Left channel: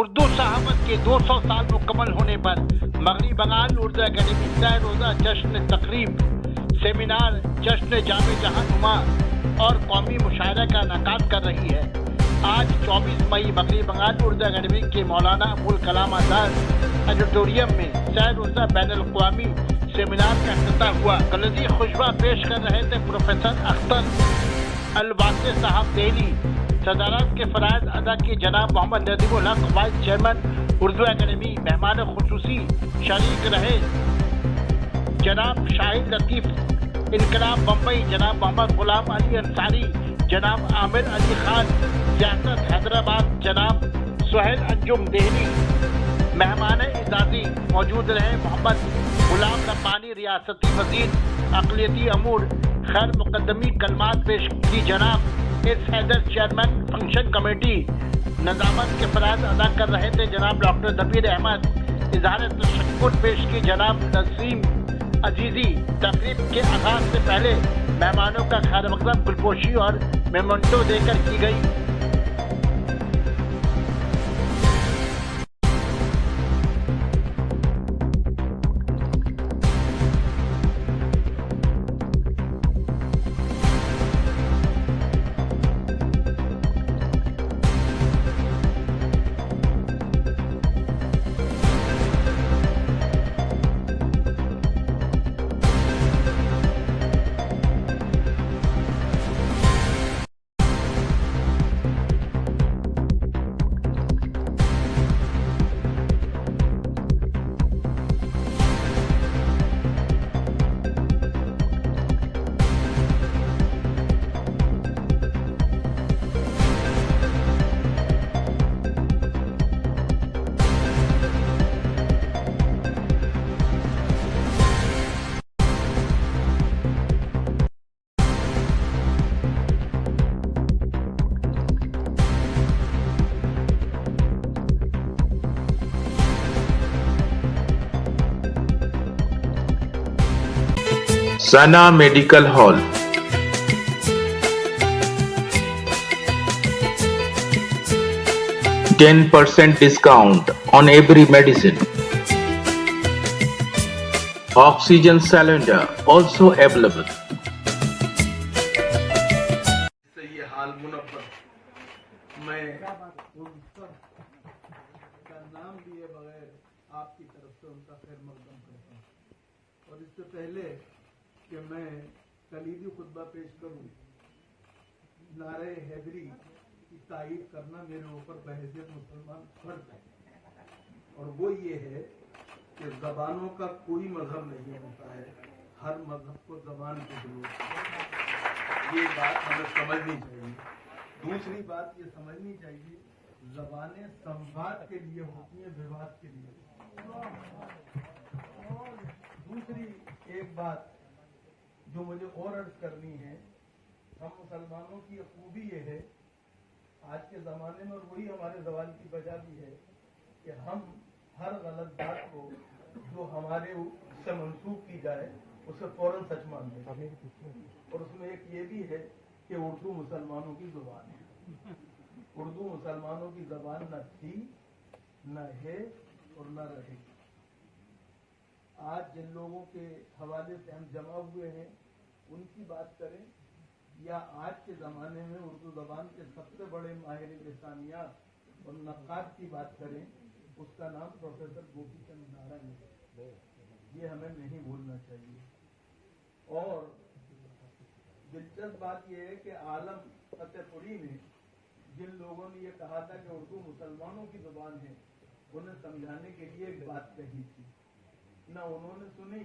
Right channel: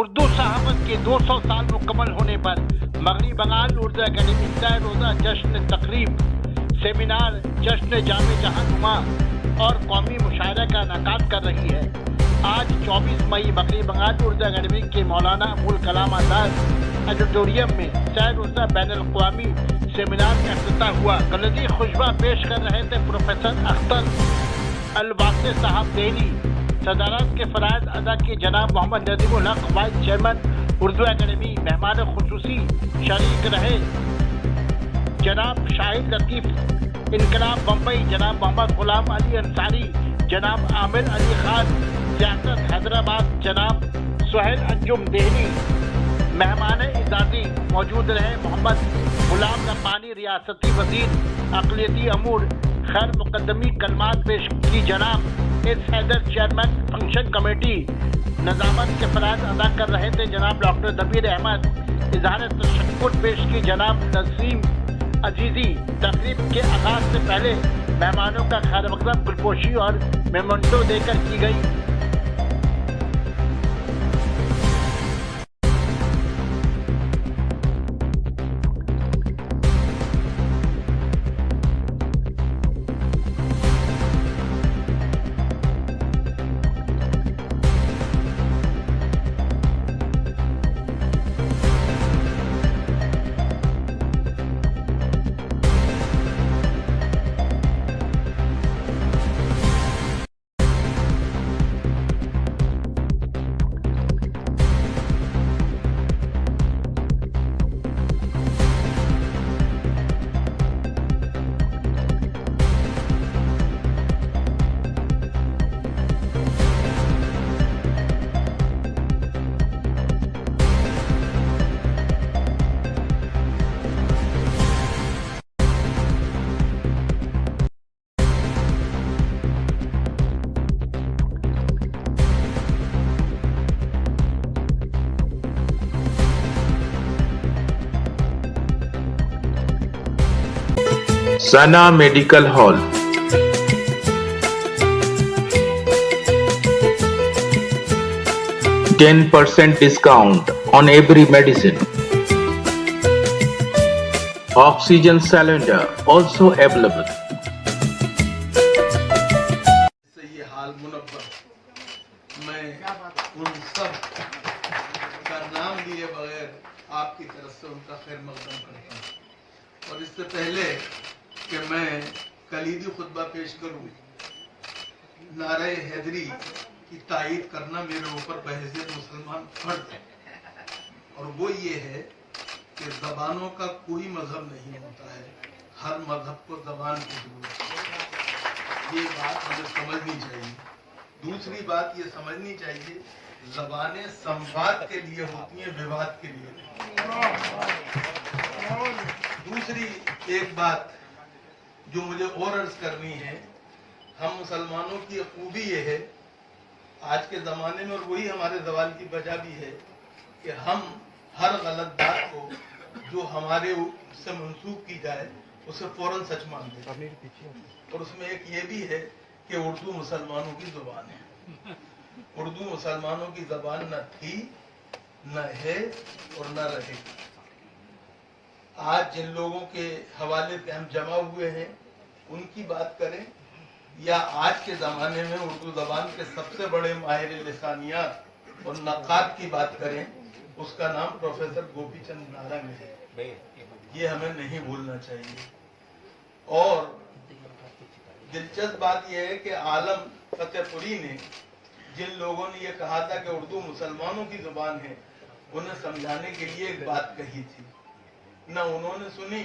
اردو صحافت کے 200 سال مکمل ہونے پر مغربی بنگال اردو اکیڈمی سہ روزہ جشن تقریب، سیمینار، جشن جامع جہاں نما اور قومی مشاعرہ کا انعقاد کر رہی ہے۔ آج 24 مئی مغربی بنگال اردو اکیڈمی کے مولانا ابو الکلام آزاد آڈیٹوریم میں سہ روزہ بین الاقوامی سیمینار کا افتتاح ہوا۔ کلیدی خطبہ پیش کر رہے تھے پروفیسر اختر الواسع صاحب دہلی۔ صدارت کے فرائض ادا کیے جناب محمد ندیم الحق وائس چیئرمین اردو اکیڈمی۔ مہمان خصوصی شریک رہے جناب شاہد لطیف انقلاب بمبئی، جناب محمد غلام علی انصاری، جناب عامر علی خان سیاست حیدرآباد، جناب سہیل انجم دہلی۔ مہمان اعزازی موجود رہے محمد غلام ربانی ریاستی وزیر اقلیتی امور۔ خیر مقدمی کلمات پیش کی جناب S Haider chairman function committee. نظامت کے فرائض ادا کر رہے تھے جناب ڈاکٹر دبیر احمد۔ اظہار تشکر پیش کی جناب نسیم عزیزی۔ تقریب کے آغاز سے پہلے مہمانوں کا خیر مقدم گلپوشی اور میمنٹو دے کر کی گئی۔ Sana Medical Hall, 10% discount on every medicine. Oxygen cylinder also available. یہ حال منور میں ان سب کا نام لیے بغیر آپ کی طرف سے ان کا خیر مقدم کرتا ہوں، اور اس سے پہلے کہ میں کلیدی خطبہ پیش کروں، نعرہ حیدری کی تائید کرنا میرے اوپر بحیثیت مسلمان فرض ہے، اور وہ یہ ہے کہ زبانوں کا کوئی مذہب نہیں ہوتا ہے، ہر مذہب کو زبان کی ضرورت ہے۔ یہ بات ہمیں سمجھنی چاہیے۔ دوسری بات یہ سمجھنی چاہیے، زبانیں سمواد کے لیے ہوتی ہیں، وواد کے لیے۔ دوسری ایک بات جو مجھے اور عرض کرنی ہے، ہم مسلمانوں کی خوبی یہ ہے آج کے زمانے میں، اور وہی ہمارے زوال کی وجہ بھی ہے، کہ ہم ہر غلط بات کو جو ہمارے سے منسوخ کی جائے اسے فوراً سچ مانتے ہیں، اور اس میں ایک یہ بھی ہے کہ اردو مسلمانوں کی زبان ہے۔ اردو مسلمانوں کی زبان نہ تھی، نہ ہے اور نہ رہے گی۔ آج جن لوگوں کے حوالے پہ ہم جمع ہوئے ہیں ان کی بات کریں، یا آج کے زمانے میں اردو زبان کے سب سے بڑے ماہر لسانیات اور نقاد کی بات کریں، اس کا نام پروفیسر گوپی چند نارنگ ہے۔ یہ ہمیں نہیں بھولنا چاہیے۔ اور دلچسپ بات یہ ہے کہ عالم فتح پوری نے جن لوگوں نے یہ کہا تھا کہ اردو مسلمانوں کی زبان ہے، انہیں سمجھانے کے لیے ایک بات کہی تھی، نہ انہوں نے سنی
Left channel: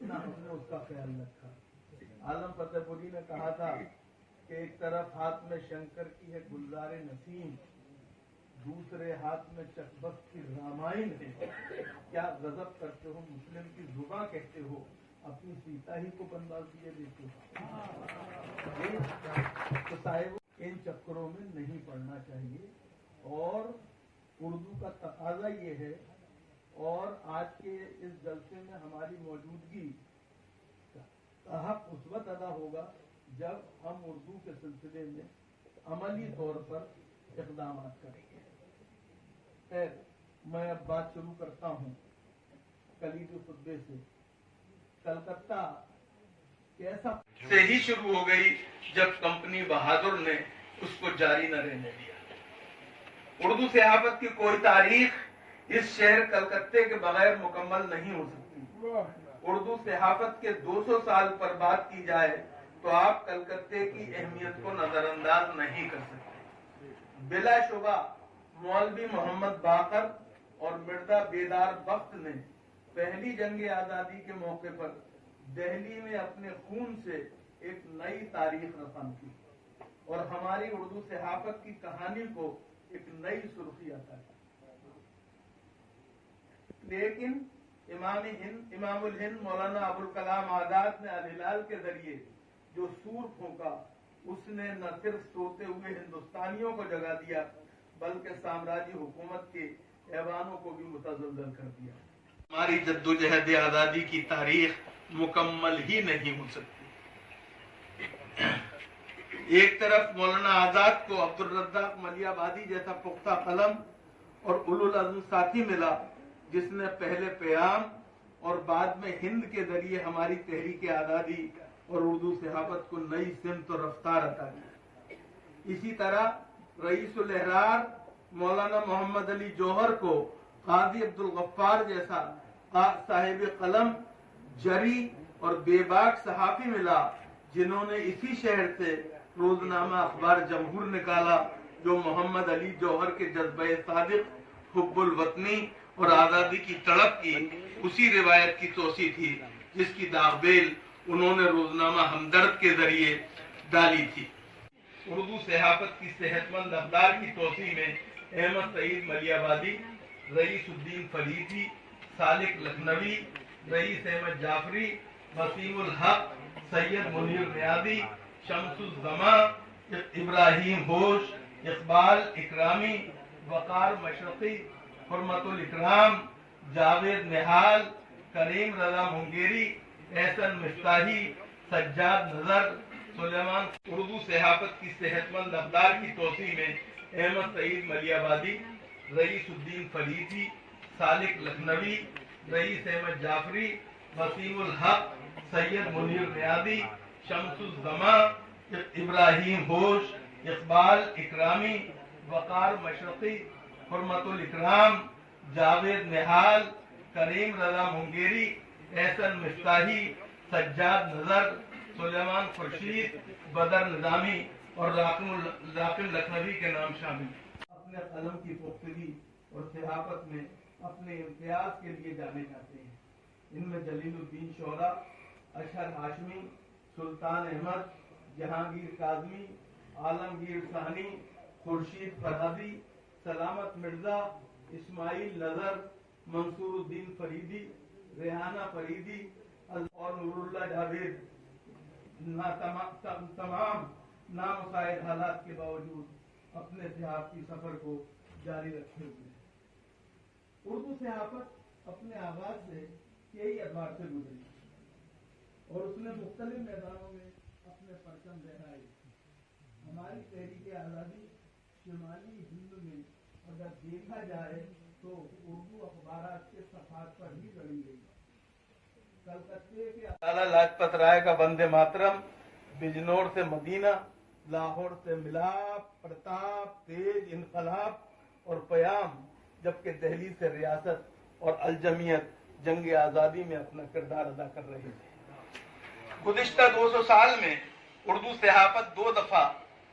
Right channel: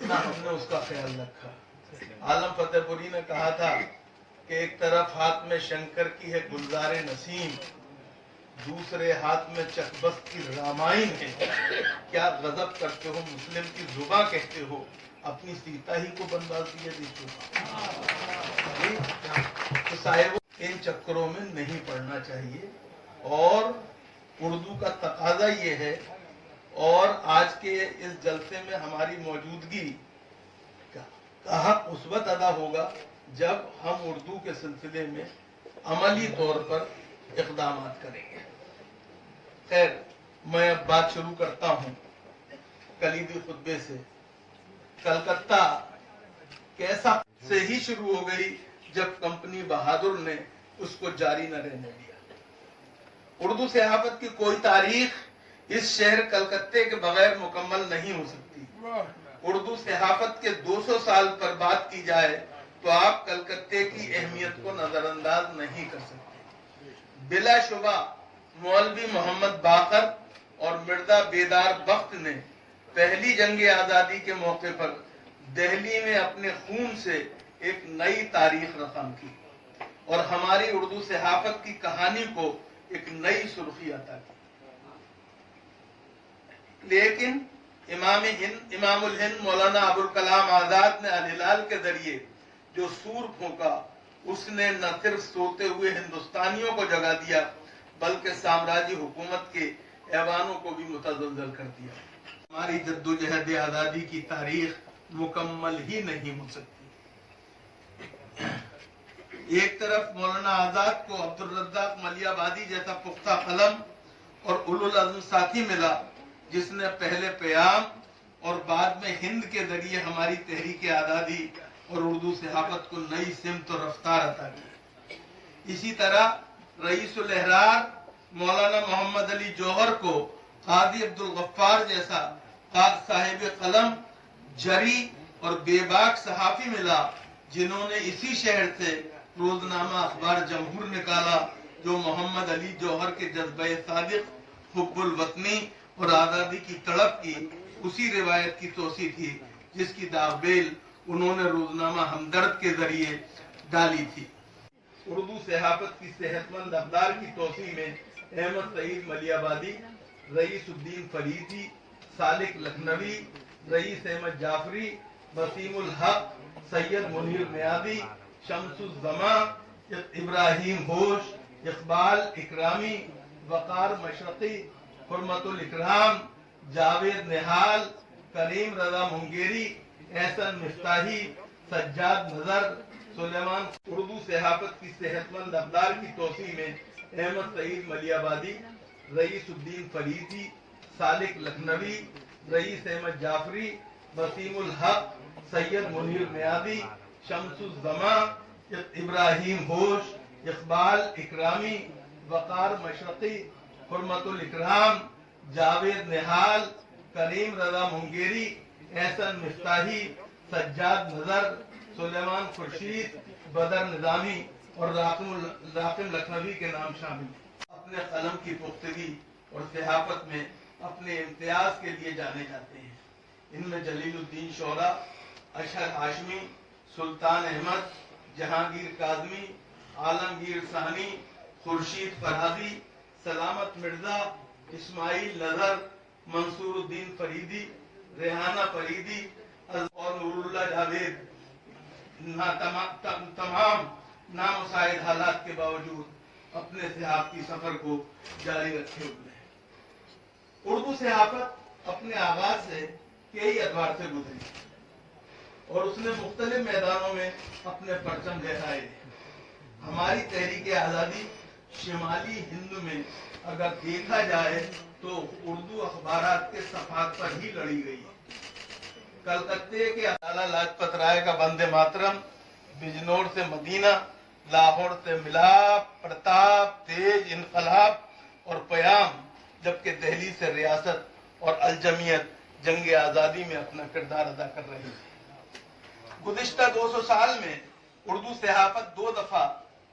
نہ ہم نے اس کا خیال رکھا۔ عالم فتح پوری نے کہا تھا کہ ایک طرف ہاتھ میں شنکر کی ہے گلزار نسیم، دوسرے ہاتھ میں چکبست کی رامائن ہے، کیا غضب کرتے ہو مسلم کی زباں کہتے ہو، اپنی سیتا ہی کو بنواس دیے دیکھو۔ تو صاحب ان چکروں میں نہیں پڑنا چاہیے، اور اردو کا تقاضا یہ ہے، اور آج کے اس جلسے میں ہماری موجودگی کا حق اس وقت ادا ہوگا جب ہم اردو کے سلسلے میں عملی طور پر اقدامات کریں گے۔ खैर, मैं अब बात शुरू करता हूँ कलीदी खुतबे से। कलकत्ता कैसा से ही शुरू हो गई जब कंपनी बहादुर ने उसको जारी न रहने दिया। उर्दू सहाफत की कोई तारीख इस शहर कलकत्ते के बगैर मुकम्मल नहीं हो सकती। उर्दू सहाफत के 200 साल पर बात की जाए तो आप कलकत्ते की अहमियत को नजरअंदाज नहीं कर सकते। बिलाशुबा मौलवी मोहम्मद बाकर और मिर्जा बेदार बख्त ने पहली जंग आजादी के मौके पर दिल्ली में अपने खून से एक नई तारीख रकम की और हमारी उर्दू सहाफत की कहानी को एक नई सुर्खी अता की। लेकिन इमामुल हिंद मौलाना अबुल कलाम आजाद ने अल हिलाल के जरिए जो सूर फूंका, उसने न सिर्फ सोते हुए हिंदुस्तानियों को जगा दिया बल्कि साम्राज्य हुकूमत के ऐवानों को भी मुतज़ल्ज़ल कर दिया। हमारी जद्दोजहद आजादी की तारीख मुकम्मल ही नहीं हो सकती। एक तरफ मौलाना आजाद को अब्दुल रज़्ज़ाक मलियाबादी जैसा पुख्ता कलम और उलुल अज़्म साथी मिला, जिसने पहले क़याम और बाद में हिंद के जरिए हमारी तहरीक आजादी और उर्दू सहाफत को नई सिमत और रफ्तार अता की। इसी तरह रईसुल एहरार मौलाना मोहम्मद अली जौहर को काजी अब्दुल गफ्फार जैसा साहिब कलम, जरी और बेबाक सहाफी मिला, जिन्होंने इसी शहर से रोजनामा अखबार जमहूर निकाला, जो मोहम्मद अली जौहर के जज्बे सादिक, हुब्बुल वतनी और आजादी की तड़प की उसी रिवायत की तोसी थी जिसकी दागबेल उन्होंने रोजनामा हमदर्द के जरिए डाली थी। उर्दू सहाफत की सेहतमंद रफ्तार की तोसी में अहमद सईद मलियाबादी, रईसुद्दीन फरीदी, सालिक लखनवी, रईस अहमद जाफरी, वसीमुल हक, सैयद मुनीर नियादी, शमसुज़्ज़मा, इब्राहिम होश, इकबाल इकरामी, वकार मशरकी, हुर्मतुल इकराम, जावेद निहाल, करीम रजा मुंगेरी, एहसन मिफ्ताही, सज्जाद नजर, सुलेमान। उर्दू सहाफत की सेहतमंद रफ्तार की तोसी में अहमद सईद मलियाबादी, रईसुद्दीन फरीदी, सालिक लखनवी, रईस अहमद जाफरी, वसीमुल हक, सैयद मुनीर नियादी, शमसुज़्ज़मा, इब्राहिम होश, इकबाल इकरामी, वकार मशरकी, हुर्मतुल इकराम, जावेद निहाल, करीम रजा मुंगेरी, एहसन मिफ्ताही, सज्जाद नजर, सुलेमान खुर्शीद, बदर निजामी और राकिम लखनवी के नाम शामिल। अपने कलम की पुख्तगी और सहाफत में अपने इम्तियाज के लिए जाने जाते हैं। इनमें जलीलुद्दीन शोरा, अशहर हाशमी, सुल्तान अहमद, जहांगीर काज़मी, आलमगीर सानी, खुर्शीद फरहादी, सलामत मिर्जा, इस्माइल नजर, मंसूरुद्दीन फरीदी, रेहाना फरीदी और नूरुल्लाह जावेद तमाम नामुसाइद हालात के बावजूद अपने सहाफती सफर को जारी रखे हुए हैं। उर्दू सहाफत अपने आगाज से कई अदवार से गुजरी और उसने मुख्तलिफ मैदानों में अपने परचम लहराए। हमारी तहरीक आजादी शिमाली हिंद में अगर देखा जाए तो उर्दू अखबारात के सफात पर ही लड़ी गई। कलकत्ते के लाला लाजपत राय का वंदे मातरम, बिजनौर से मदीना, लाहौर से मिलाप, प्रताप, तेज, इनकलाब और पयाम, जबकि दिल्ली से रियासत और अलजमियत जंग आजादी में अपना किरदार अदा कर रही है। गुज़िश्ता 200 साल में उर्दू सहाफत 2 दफा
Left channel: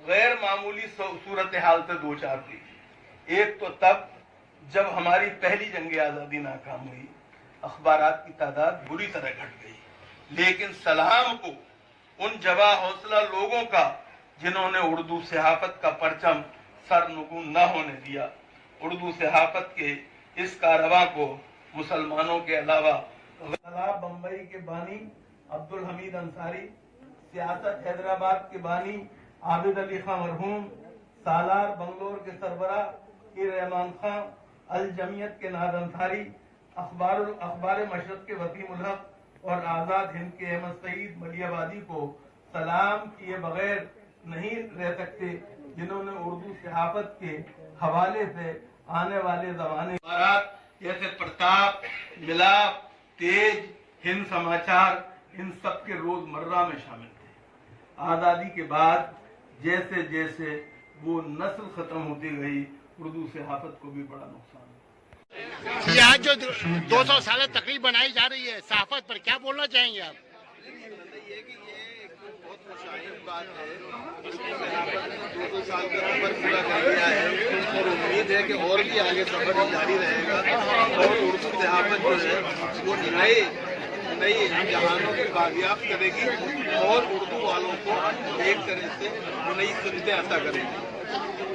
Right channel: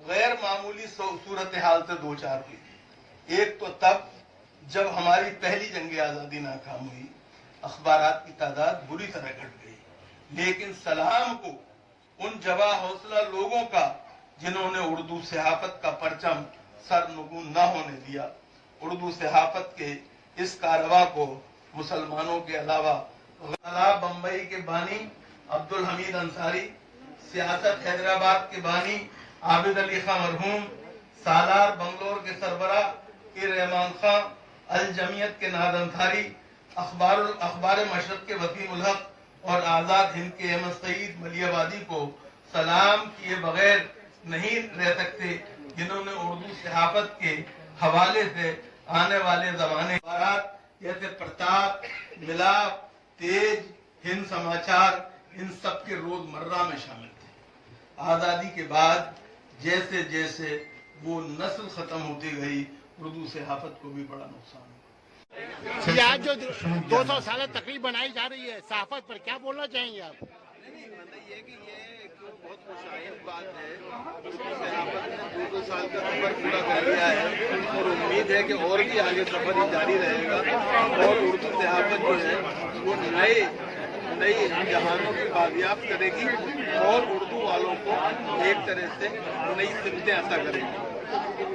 गैर मामूली सूरत हाल से दो चार हुई। एक तो तब जब हमारी पहली जंग आजादी नाकाम हुई, अखबारात की तादाद बुरी तरह घट गई, लेकिन सलाम को उन जवा हौसला लोगों का जिन्होंने उर्दू सहाफत का परचम सरनगू न होने दिया। उर्दू सहाफत के इस कारवां को मुसलमानों के अलावा बम्बई के बानी अब्दुल हमीद अंसारी, सियासत हैदराबाद के बानी आबिद अली खां मरहूम, सालार बंगलोर के सरबरा के रहमान खां, अल जमियत के नाद अंसारी, अखबार मशरक के वसीमुल हक और आजाद हिंद के अहमद सईद मलियाबादी को सलाम किए बगैर नहीं रह सकते, जिन्होंने उर्दू सहाफत के हवाले से आने वाले जमाने जैसे प्रताप, मिलाप, तेज, हिंद समाचार, इन सब के रोजमर्रा में शामिल थे। आज़ादी के बाद जैसे जैसे वो नस्ल खत्म होती गई, उर्दू सहाफत को भी बड़ा नुकसान हुआ। ये आज जो 200 साल तकरीब बनाई जा रही है सहाफत पर, क्या बोलना चाहेंगे आप? बहुत मुशाहिद बात है। 200 साल का सफर पूरा कर लिया है और उम्मीद है कि और भी आगे सफर जारी रहेगा और उर्दू सहाफत जो है वो नई जहानों की बाजियाब करेगी और उर्दू वालों को एक तरह से नई सुविधाएं अता करेगी।